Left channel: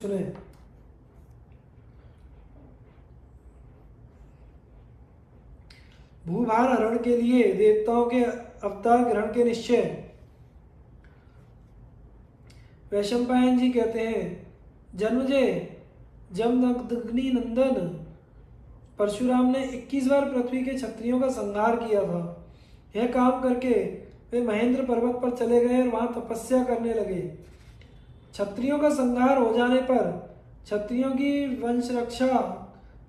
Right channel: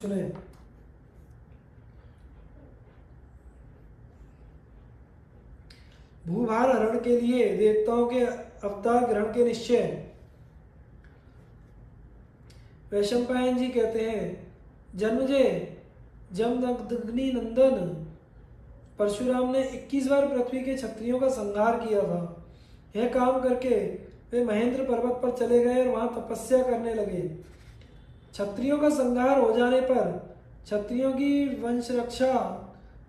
सुने। भूभार हरण के लिए देवताओं के अवतार ग्रहण के निश्चय। वैशंपायन जी कहते हैं, जन्मजय जमदग्नि नंदन परशुराम ने 21 बार पृथ्वी के क्षत्रियों का संहार किया था। यह काम करके वे महेंद्र पर्वत पर चले गए और वहां तपस्या करने लगे। क्षत्रियों का संहार हो जाने पर क्षत्रियों की वंश रक्षा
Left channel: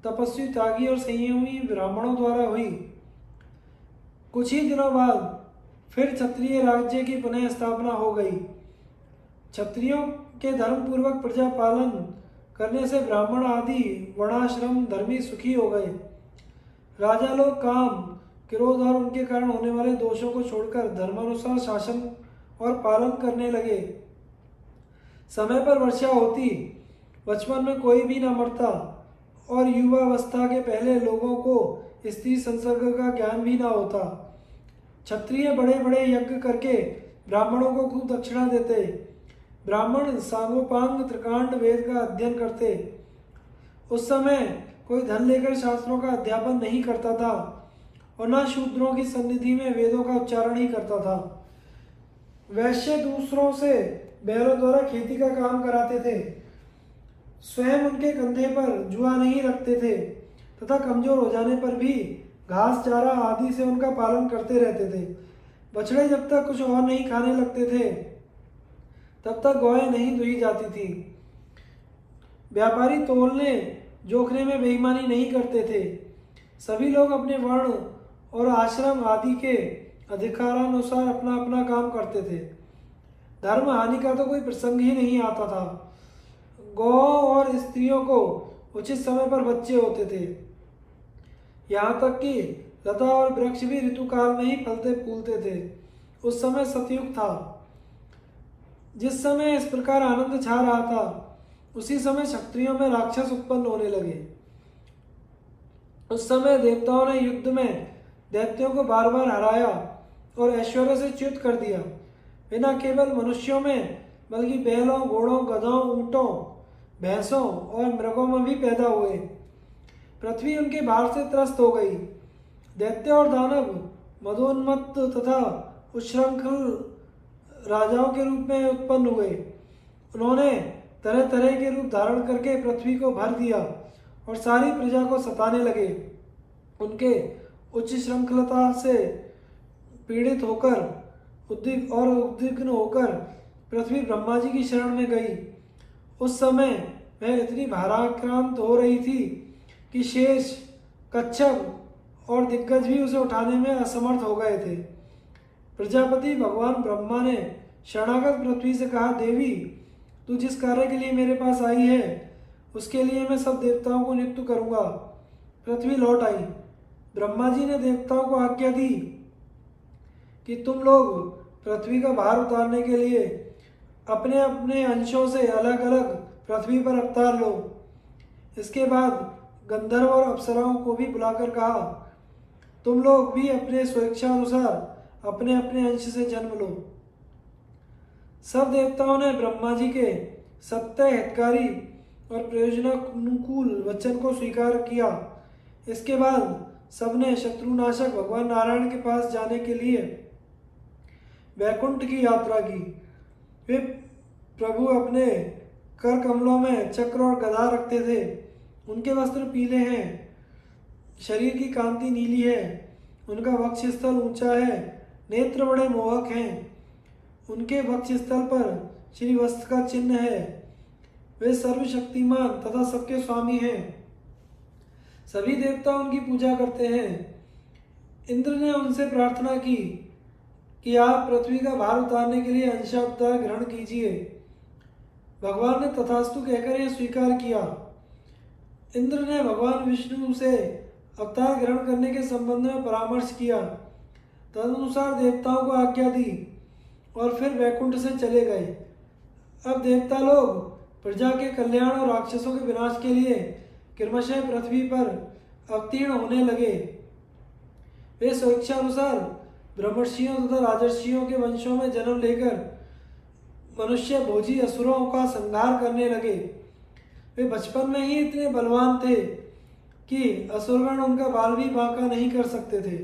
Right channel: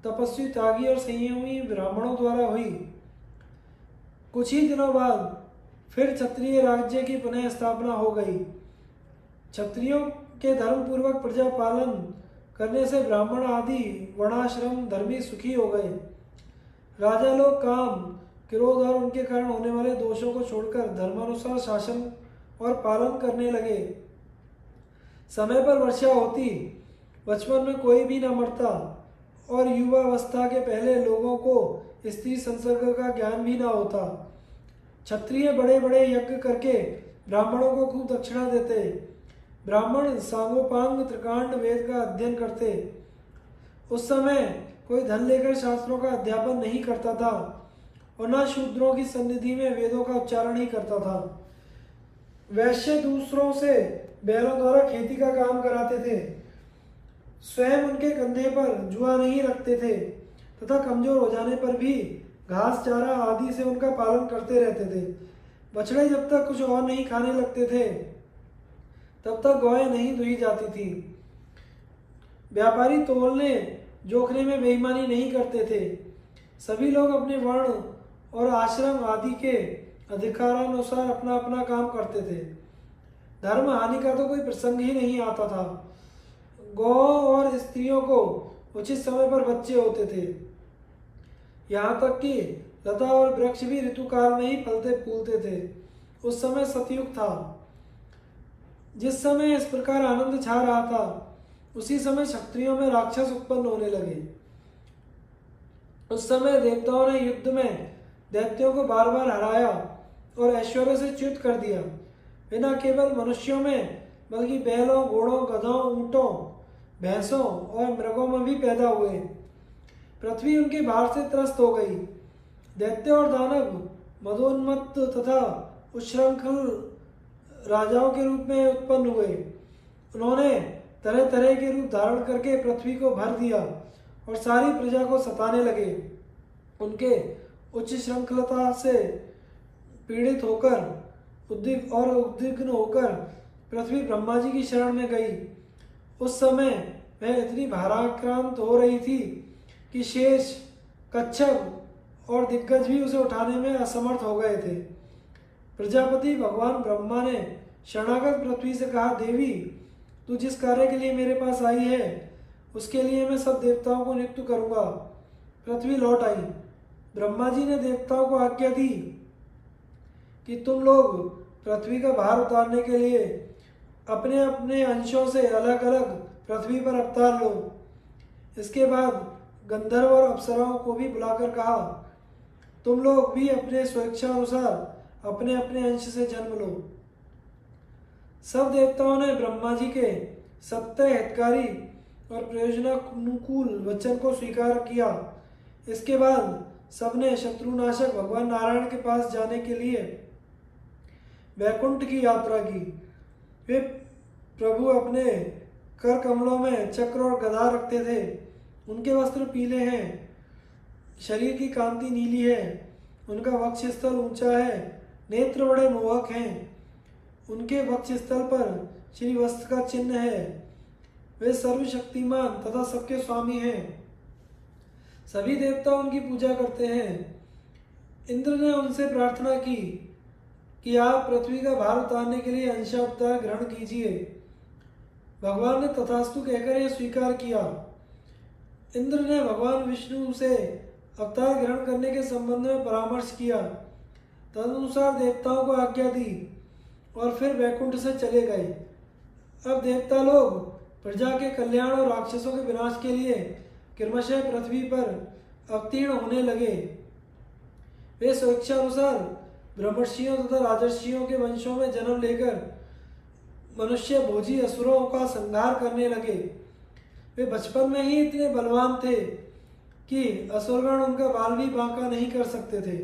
तपस्वी त्यागी और संयमी ब्राह्मणों द्वारा हुई। कुछ ही दिनों बाद फिर क्षत्रिय राज्य की पुनः स्थापना हो गई। क्षत्रियों के धर्म पूर्वक प्रजा पालन करने से ब्राह्मण आदि वर्णाश्रम धर्मी सुखी हो गए। राजा लोग काम, क्रोध और उनके कारण होने वाले दोषों को छोड़कर धर्मानुसार शासन और पालन करने लगे। समय पर वर्षा होती, बचपन में कोई भी न मरता और युवावस्था के पहले लोगों को स्त्री संसर्ग का ज्ञान भी न होता। क्षत्रिय बड़े बड़े यज्ञ करके ब्राह्मणों को खूब दक्षिणा देते। ब्राह्मण सांगोपांग त्रिकांड वेद का अध्ययन करते। उस समय कोई धन लेकर शास्त्रों का अध्यापन नहीं करता था और न शूद्रों की सन्निधि में वेदों का उच्चारण ही करता था। वैश्य दूसरों से बैलों द्वारा खेती का काम कराते थे, स्वयं उनके कंधे पर जुआ नहीं रखते थे तथा कमजोर हो जाने पर भी घास चारा आदि से उनका पालन करते रहते थे। बछड़े जब तक कुछ और नहीं खाने लगते थे तब तक गौएं नहीं दुही जाती थी। व्यापारी तोलने जोखने में बेईमानी नहीं करते थे। सभी लोग अपने वर्ण और आश्रम आदि के अधिकारानुसार अपना अपना काम करते थे। धर्म हानि का तो कोई प्रसंग ही नहीं आता था। गौ और स्त्रियों को उचित समय पर बच्चे होते थे। यहाँ तक कि लता और वृक्ष भी ऋतुकाल में ही फलते फूलते थे। उस समय सतयुग था। जिस समय इस प्रकार आनंद छा रहा था उसी समय क्षत्रियों में राक्षस उत्पन्न होने लगे। उस समय देवताओं ने युद्ध में दैत्यों को बार बार हराया और ऐश्वर्य से च्युत कर दिया। वे न केवल मनुष्यों में बल्कि बैलों, घोड़ों, गधों, ऊंटों, भैंसों और मृगों में भी पैदा हुए। पृथ्वी उनके भार से त्रस्त हो गई। दैत्य और दानव मदोन्मत्त तथा उच्छृंखल राजाओं के रूप में उत्पन्न हुए। उन्होंने तरह तरह के रूप धारण करके पृथ्वी को भर दिया और सारी प्रजा को सताने लगे। उनके उच्च श्रृंखलता से पीड़ित होकर उद्विग्न होकर पृथ्वी ब्रह्मा जी की शरण में गई। उस समय वह इतनी भाराक्रांत हो रही थी कि शेष, कच्छप और दिग्गज भी उसे उठाने में असमर्थ हो गए थे। प्रजापति भगवान ब्रह्मा ने शरणागत पृथ्वी से कहा, देवी, तू जिस कार्य के लिए मेरे पास आई है उसके लिए मैं सब देवताओं को नियुक्त करूंगा। पृथ्वी लौट आई। ब्रह्मा जी ने देवताओं को आज्ञा दी कि तुम लोग पृथ्वी का भार उतारने के लिए अपने अपने अंशों से अलग अलग पृथ्वी पर अवतार लो। इसके बाद गंधर्व और अप्सराओं को भी बुलाकर कहा, तुम लोग भी अपने स्वेच्छानुसार अपने अपने अंश से जन्म लो। सब देवताओं ने ब्रह्मा जी के सत्य, हितकारी और प्रयोजनानुकूल वचन को स्वीकार किया। इसके बाद सबने शत्रुनाशक भगवान नारायण के पास जाने के लिए वैकुंठ की यात्रा की। वे प्रभु अपने कर कमलों में चक्र और गदा रखते थे। उनके वस्त्र पीले हैं, शरीर की कांति नीली है, उनका वक्षस्थल ऊंचा है, नेत्र बड़े मोहक हैं, उनके वक्षस्थल पर श्री वस्त्र का चिन्ह है। वे सर्वशक्तिमान तथा सबके स्वामी हैं। सभी देवता उनकी पूजा करते हैं। इंद्र ने उनसे प्रार्थना की कि आप पृथ्वी का भार उतारने के लिए अंशावतार ग्रहण कीजिए। भगवान ने तथास्तु कहकर यह स्वीकार किया। इंद्र ने भगवान विष्णु से अवतार ग्रहण करने के संबंध में परामर्श किया। तदनुसार देवताओं को आज्ञा दी और फिर वैकुंठ से चले गए। अब देवता लोग प्रजा के कल्याण और राक्षसों के विनाश के लिए क्रमशः पृथ्वी पर अवतीर्ण होने लगे। वे स्वेच्छानुसार ब्रह्मर्षियों तथा राजर्षियों के वंशों में जन्म लेकर मनुष्य भोजी असुरों का संहार करने लगे। वे बचपन में ही इतने बलवान थे कि असुरगण उनका बाल भी बांका नहीं कर सकते थे।